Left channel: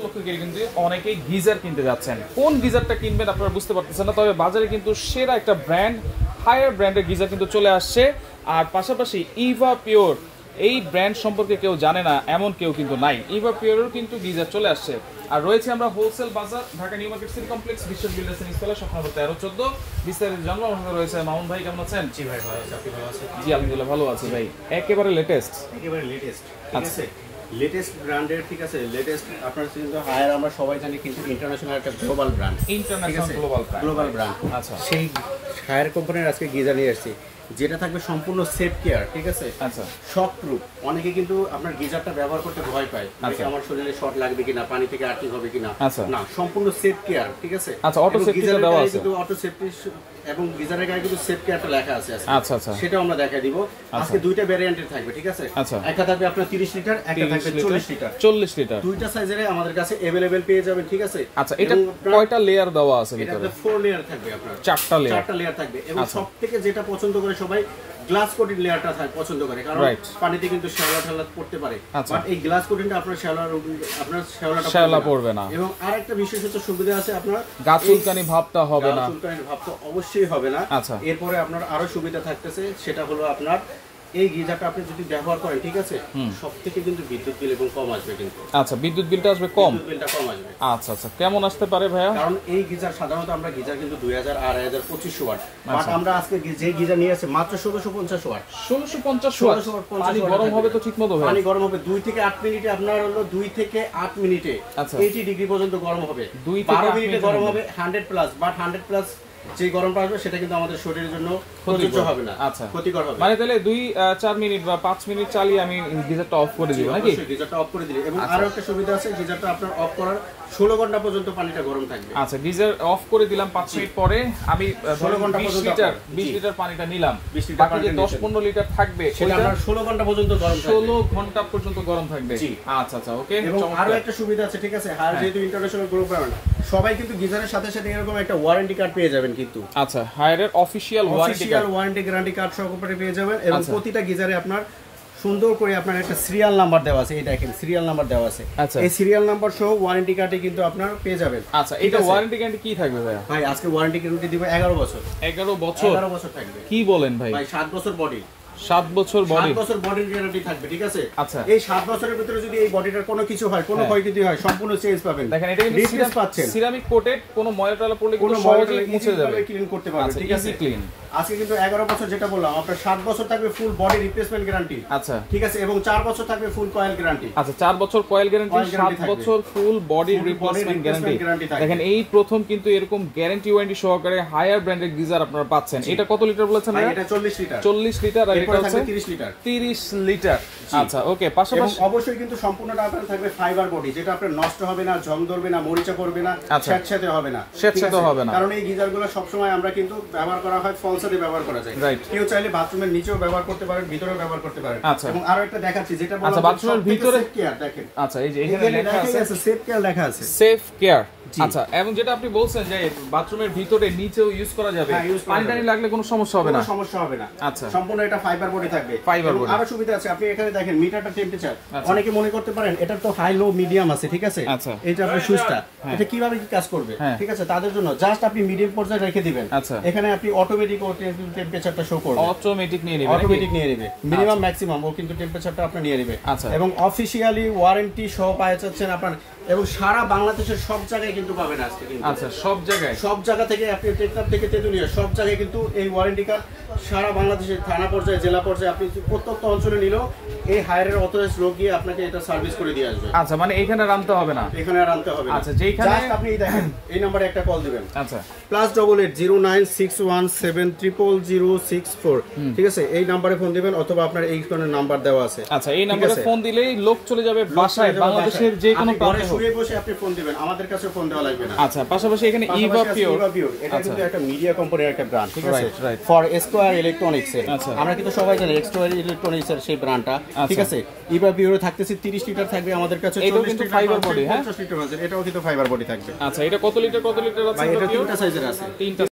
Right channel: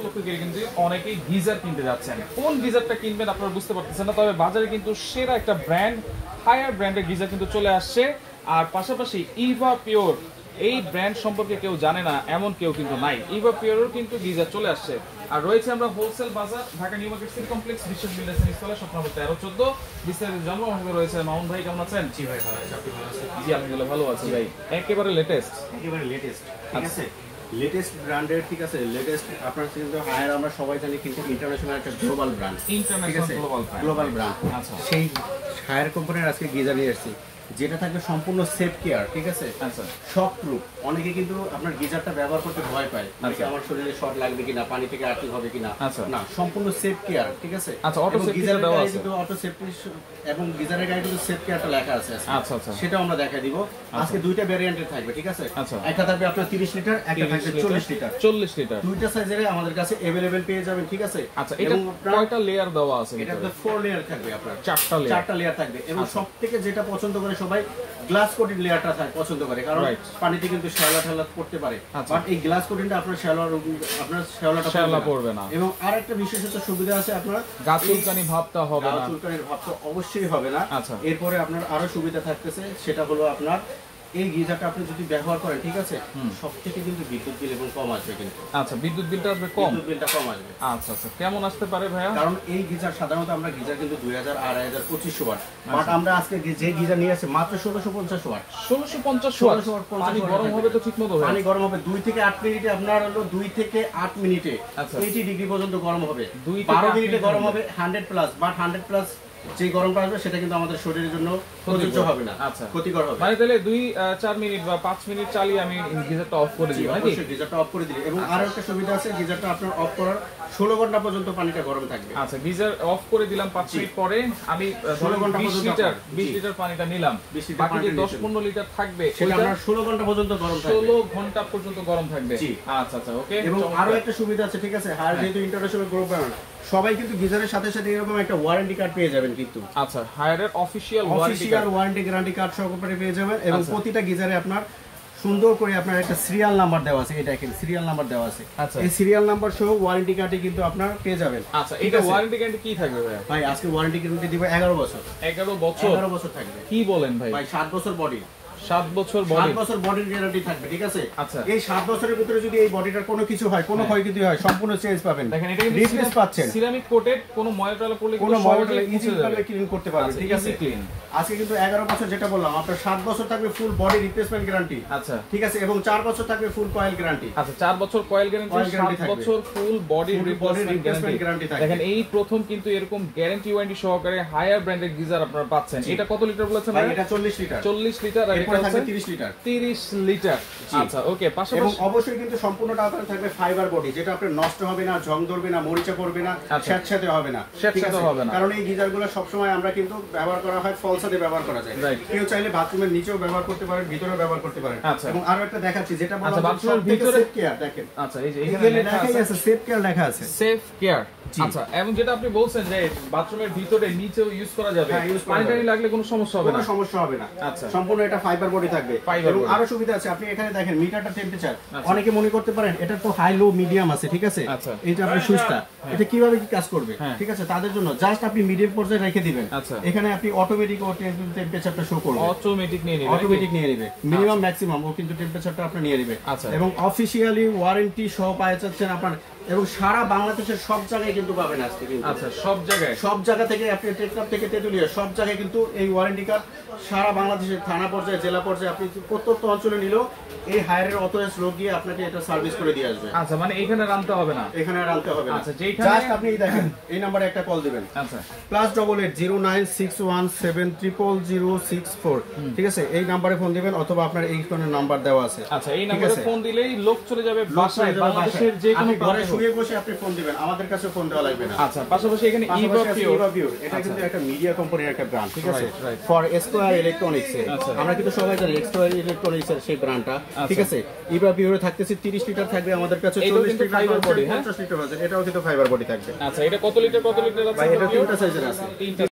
উপলক্ষে কিন্তু অনেকেই গিজার কিনতে যাচ্ছেন। কোন গিজারটা কিনবেন আপনারা বুঝতে পারতেছেন না, তবে বাজারে কিন্তু সেরা একটা ব্র্যান্ড, হায়ার ব্র্যান্ডের গিজার কিন্তু চলে আসছে। আর পাশাপাশি ইভা পিওর, এই ব্র্যান্ড সম্পর্কে কেউ জানে না এমন কেউ কিন্তু নাই। ইভা পিওরের কিন্তু গিজার চলে আসছে। আর রয়েছে আমরা হোলসেল বাজার, Dhaka new market city complex, বিশ্ব বিল্ডার্স ইনস্টলে, শপ নম্বর 1314। বিস্তারিত জানবো আমাদের রয়েছে মামুন ভাই। কেমন আছেন? জি ভাই ভালো আছি, আপনি ভালো আছেন? জি আলহামদুলিল্লাহ ভালো আছি ভাই। একেবারে লেটেস্ট, একেবারে লেটেস্ট, ঠিক আছে, লেটেস্ট ব্র্যান্ডের, ঠিক আছে, লেটেস্ট। আপনার কিন্তু হায়ার আমরা সবাই জানি কিন্তু ইন্টারন্যাশনাল একটা global brand, international global brand. আচ্ছা, সেই হায়ার কোম্পানির আজকে গিজার নিয়ে আসছি, যেটা থাকবে সম্পূর্ণ সেফ কেয়ার, ঠিক আছে, আচ্ছা, শক প্রুফ। অনেকে কিন্তু আপনার গিজারটা ব্যবহার করতে ভয় পায়, আমার শরীরে শর্ট লাগবে কিনা, পানি থেকে আর্থিং হবে কিনা। না, সম্পূর্ণ সেফ কেয়ার, ঠিক আছে। আচ্ছা, অটো সেফটি দেওয়া আছে কিন্তু অটো সেফটি, এবং গিজারের গায়ে কিন্তু সেফ কেয়ারটা লেখা আছে। আচ্ছা আচ্ছা, সেটা আমরা দেখাই দিব আজকে। দুইটা ভ্যারিয়েন্টের থাকবে, ঠিক আছে। আচ্ছা, একটা থাকবে আপনার 30 লিটার, একটা থাকবে 40 লিটার। 40 লিটার দুইটা সাইজের আমাদের কাছে अवेलेबल পেয়ে যাবেন, ঠিক আছে। আচ্ছা, এটা কয়টা লেয়ার দেওয়া আছে? এটা 4 লেয়ার থাকবে, আপনার 4টা লেয়ার থাকবে। এবং সবথেকে যেটা পছন্দ করে সবাই, গ্লাস কোটেড লেয়ারটা পছন্দ করে, কারণ পানিতে কিন্তু শ্যাওলা পড়তে পারে। বাট এই গ্লাস কোটিংটা আপনার শ্যাওলাটা পড়বে না। এবং আরেকটা বিশেষত সুবিধা আছে, আপনার গা চুলকানি ভাবটা হবে না, চুলকানির ভাবটা অবশ্যই হবে না। এরপরে আপনার আরো সুবিধা থাকতেছে, সেটা হলো আপনার এই গিজারটা আপনি যদি ব্যবহার করেন, ঠিক আছে, সবথেকে কিন্তু বিদ্যুৎ বিল এবং কম আসবে কিন্তু। আচ্ছা, বিদ্যুৎ বিলটা আসবে কম, বিদ্যুৎ বিলটা কম আসবে। আচ্ছা আচ্ছা, কেমন আসতে পারে ভাইয়া? কারণ এই গিজার সাধারণত আমরা গিজার কিন্তু 2000, 2500, 2500 ওয়াট, বাট আমরা আজকে যে গিজার নিয়ে আসি মাত্র 1650 ওয়াট। 1650 ওয়াট। পানি গরম হবে তো ঠিকমতো? পানি গরম হবে 2 থেকে 8 মিনিটে, আপনার হলো 2 থেকে 8 মিনিটে 80 ডিগ্রি পর্যন্ত গরম হবে। 12 মিনিটে গরম হবে 100 প্লাস, বাট 100 প্লাস যে গরমটা আসবে সেটা কিন্তু আমাদের শরীরের জন্য প্রযোজ্য হবে না, ক্ষতিকর হবে। মানে তাহলে 2-4 মিনিট বা 5 মিনিট চালিয়ে আমি গিজারটা অফ করে দিই নাকি? অবশ্যই গিজারটা অফ করে দিলে। এবং আরো একটা সুবিধা আছে, গিজারটা আপনার অফ করার 16 ঘন্টা পর্যন্ত পানিটা গরম থাকবে। আচ্ছা, গিজার অফ করে দিলাম, 5 মিনিট পরে আমি 16 ঘন্টা পর্যন্ত 20 লিটার পানিটা নিলাম, বাকি যে 10-15 লিটার থাকবে সেটা আপনার 16 ঘন্টা পর্যন্ত গরম থাকবে। 16 ঘন্টা পর্যন্ত গরম থাকবে। আচ্ছা আচ্ছা, ওকে। এবং আরো একটা সুবিধা আছে, ঠিক আছে, হায়ার যেহেতু ইন্টারন্যাশনাল গ্রুপ ব্র্যান্ড, সবাই কিন্তু গিজারের সাথে সাথে এরকম একটা ওয়ারেন্টি কার্ড পেয়ে যাবেন কিন্তু। আচ্ছা, হায়ারের অফিশিয়াল ওয়ারেন্টি গ্যারান্টি কার্ড সহকারে পেয়ে যাবেন। এবং প্রতিটা গিজারে আপনার সুন্দর করে আপনার একটা সিরিয়াল নাম্বার দেওয়া আছে, এই দেখেন সিরিয়াল নাম্বার দেওয়া আছে। এই সিরিয়াল নাম্বার সহ ওয়ারেন্টি কার্ডে কিন্তু আপনার পেয়ে যাবেন। আচ্ছা, এটা ওয়ারেন্টি গ্যারান্টি কি থাকবে ভাই? ভাই আজকে ওয়ারেন্টি গ্যারান্টি দিব 11 বছর। 11 বছর থাকবে। কি বলেন ভাই? ভাই 7 বছর বডি, 7 বছর বডির গ্যারান্টি থাকবে, ঠিক আছে। আচ্ছা, এই 7 বছরের ভিতরে যদি এই বডিটার কোনো কিছু হয়, কোনো ক্ষয়ক্ষতি হয়, সম্পূর্ণ চেঞ্জ পাবেন। দেখেন এটা কিন্তু রিপ্লেস পাচ্ছেন, সিরামিক কোটেড, কোনো ময়লা টয়লা পড়লে কোনো ময়লা ইজিভাবে ক্লিন করতে পারবেন, ঠিক আছে। ক্লিন। আজকে কিন্তু 11 বছর যেটা বললাম, আপনার 7 বছর থাকবে ফুল বডি রিপ্লেসমেন্ট গ্যারান্টি। আচ্ছা, ঠিক আছে। এবং 4 বছর থাকবে ফুল কয়েল গ্যারান্টি। আচ্ছা, 4 বছর কয়েল গ্যারান্টি, 7 বছর ফুল বডি রিপ্লেসমেন্ট গ্যারান্টি। দেখেন এই প্রথম কিন্তু এরকম গ্যারান্টি ওয়ারেন্টি সহকারে হায়ার ব্র্যান্ডেড গিজার আপনারা পাচ্ছেন। এটা কত লিটার বলেছেন ভাই? এটা 40 লিটার। 40 লিটার, আর এটা থাকবে 30 লিটার। 30 লিটার। আচ্ছা, ওকে। পাশাপাশি এবং অবশ্যই কিন্তু সম্পূর্ণটা আপনার থাকবে ফাইবার বডি, যেটা আপনার নষ্ট হবে না, জং ধরবে না, মরিচা করবে না, স্যাঁতস্যাঁতে হবে না, হবে না। কারণ এই গিজারগুলো সবসময় আমরা কিন্তু ব্যবহার করা হয় ফলসাতে ব্যবহার করা যায়। কেউ চাইলে বাথরুমের নিচেও ব্যবহার করতে পারেন, ভিতরেও ব্যবহার করতে পারেন। এবং আরো একটা দেখাচ্ছি, যেটা বললাম বাথরুমের ভিতরে সেফ কেয়ার। দেখেন, আচ্ছা, এই যে এখানে লেখা আছে সেফ কেয়ার লেখা আছে, সেফ কেয়ার। আচ্ছা, এবং যেটা আপনি বলছেন যে বাথরুমের ভিতরে নিচেও ইউজ করা যাবে, পানি টানি লাগলে কোনো সমস্যা হবে না, কোনো সমস্যা হবে না। আচ্ছা, সম্পূর্ণ এটা ফাইবার বডি থাকবে। এবং আরো সুবিধা আছে, আপনি এখানে দেখেন মিটারটা টেম্পারেচার। অনেকে মনে করতে পারেন এটা তো হাই লো মিডিয়াম আছে, ঠিক আছে। এইটা আপনার সুইচটা, এটা কিভাবে কি কাজ করবে, ঠিক আছে, তাদের জন্য জাস্ট আপনি মিডিয়াম পর্যায়ে রেখে দিবেন। এখানে আপনি অটোমেটিক টেম্পারেচারটা শো করবে, অটোমেটিক নিয়ে নেবে, মিনিমাম ম্যাক্সিমাম ও কিন্তু টেম্পারেচারটা আপনি নিয়ে নেবে। এবং অফিশিয়ালি ওয়ারেন্টি সহ পাওয়া যাচ্ছেন আপনার, এবং সারা বাংলাদেশের সব জায়গায় কিন্তু পাবেন আজকে কিন্তু। আচ্ছা, সব জায়গা থেকে আপনি টেকনাফ থেকে তেতুলিয়া সব জায়গায় কিন্তু এই ওয়ারেন্টি কার্ড সারা বাংলাদেশের থানা পর্যায়ে, জেলা পর্যায়ে, আপনি প্রত্যন্ত অঞ্চলে নিলেও এই হায়ারের অথরাইজড লোক গিয়ে আপনাকে এটা সার্ভিস করে দিয়ে আসবে। আচ্ছা, মানে এখানে রাখতে হবে না, এখানে আর রাখতে হবে না। আচ্ছা, যেখানে জাস্ট আপনি দেখেন এই নম্বরে একটা কল দিবেন। আচ্ছা, +88 096170064, ঠিক আছে। এই নম্বরে ফোন দিবেন, অথবা আপনার এই কোন নাম্বার দেওয়া আছে। আচ্ছা, এই নম্বরে ফোন দিলেই লোক চলে যাবে বাসায়, বাংলাদেশের যে কোনো ঘরে শুয়ে বসে আপনি ফোন দিবেন, আমাদের কাছে ফোন দেওয়া লাগবে না। আচ্ছা, পাশাপাশি এখানে ইভা পিওর, এটা কিন্তু একটা মিডিয়া কোম্পানির একটা ব্র্যান্ড, ঠিক আছে, ফর স্কয়ার ইলেকট্রনিক্স এর। আমরা কিন্তু সবাই জানি স্কয়ার ইলেকট্রনিক্স এর সেই ব্র্যান্ডটা, ঠিক আছে। ইভা পিওরে থাকতেছে 30 লিটার থাকবে আমাদের কাছে, 40 লিটার ফাইবার বডি, 50 লিটার আছে, এটাও কিন্তু ফাইবার বডি থাকবে। আচ্ছা, এটা কত লিটার আছে? এটা তিনটা সাইজের আছে।